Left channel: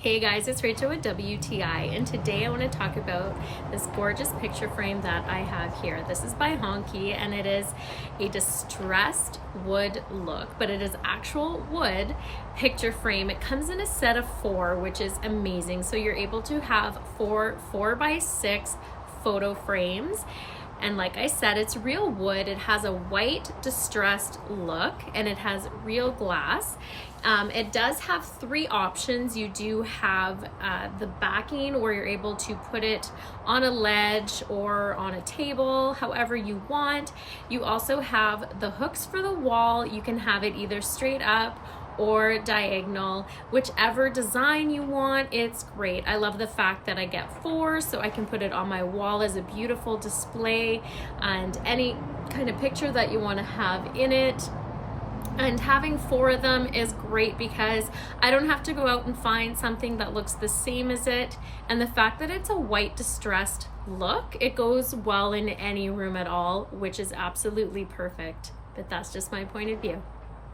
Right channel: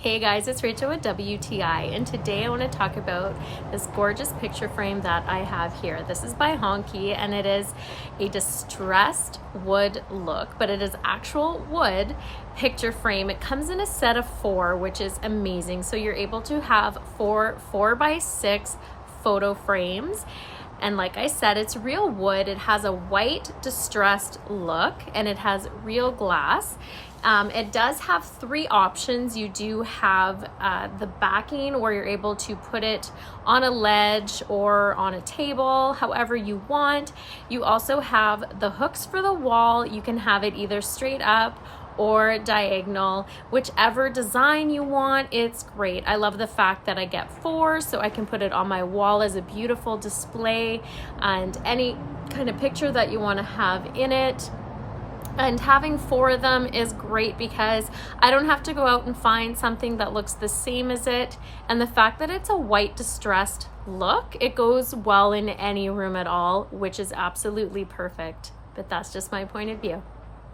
Hey guys, it's Rachel with WTI, and today I want to talk about this gorgeous picture frame that I have here. This is by Hongkee, and it is a distressed wood look, but it is actual wood picture frame. It comes in a set of 4, which is amazing. So you're able to have 4x6 photo frames. And like I said, it's real wood. It has a white distressed look, and it has real glass. It does have 3 options. You do have the backing where you're able to put it on a ledge or on a table, however you want. You also have the hooks for the wall. You can have it either straight up or diagonal, whichever design you want. It's great. I love the fact that I get 4, so I can put it on my wall as a beautiful display and any kind of picture that you want to have in it. And having 4 of them is great because I don't have to go out and find something that looks the same as it. And the fact that it's a white distressed look, it goes well in any room at all, which is absolutely perfect. But that's just my point of view.